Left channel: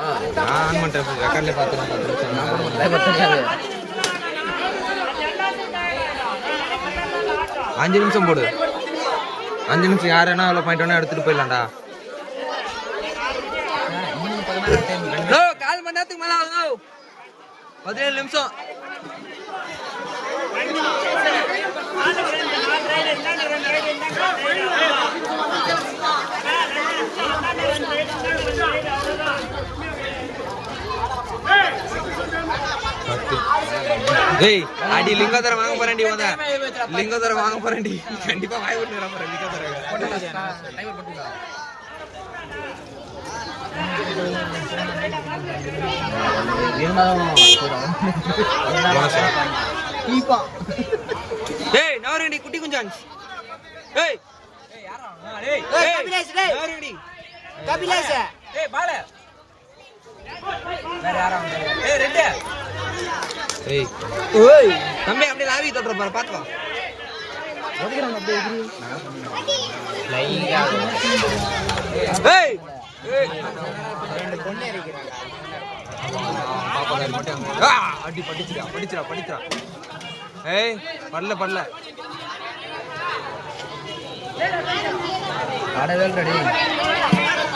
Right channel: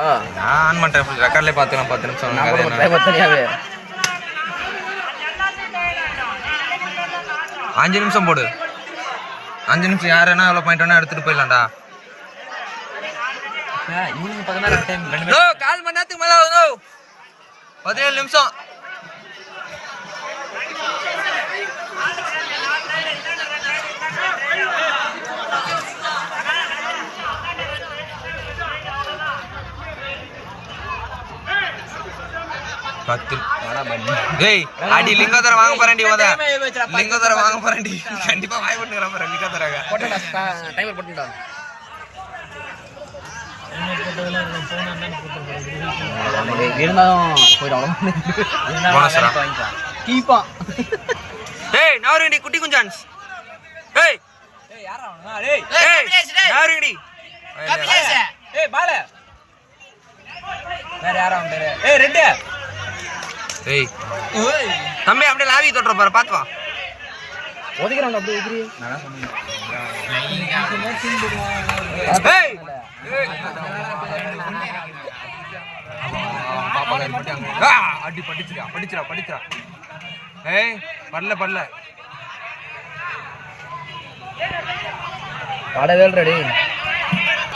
நான் ஆன் பண்ணுறேன் ரெக்கார்ட்லேயே பார்த்துக்கலாம் 10 நிமிஷம் கதை என்ன 5 நிமிஷம் போடு 5 நிமிஷம் யார் என்ன எவ்வளோ பாயிண்ட் வேணா எடுத்துகிட்டு போயிடலாம்டா. கால் மணி நேரத்துக்கு மேலே ஆகுது 17 நிமிஷம். ஏய் அடி லிங்கோதர வாங்க போறேன்டி ஓத லிங்கோதர வாங்க போறேன்டி கண்டிப்பா வாய் போட்டுற போறேன் லிங்கோதரங்க டைமர் போட்டுடா. போனஸ்ரா கீப்பா ஏய் நவரண்டி குட்டி குஞ்சான்ஸ் ஏய் ஏய் யாரா ஏய் ஏய் நவரண்டி கபிலேஷ் ஏய் பால வேற யாரா ஏய் ரெண்டு ஏய் ஓய் தம்பி அப்படியே லாவி தொட்ற பாரு பாத்து வா ஒதிக்குறாங்க அப்படியே எகிரி ஏய் ஏய் பாப்பா காரி மட்டும் அங்க அடி படிச்சுடா ஏய் படல ஆடவே ரெடி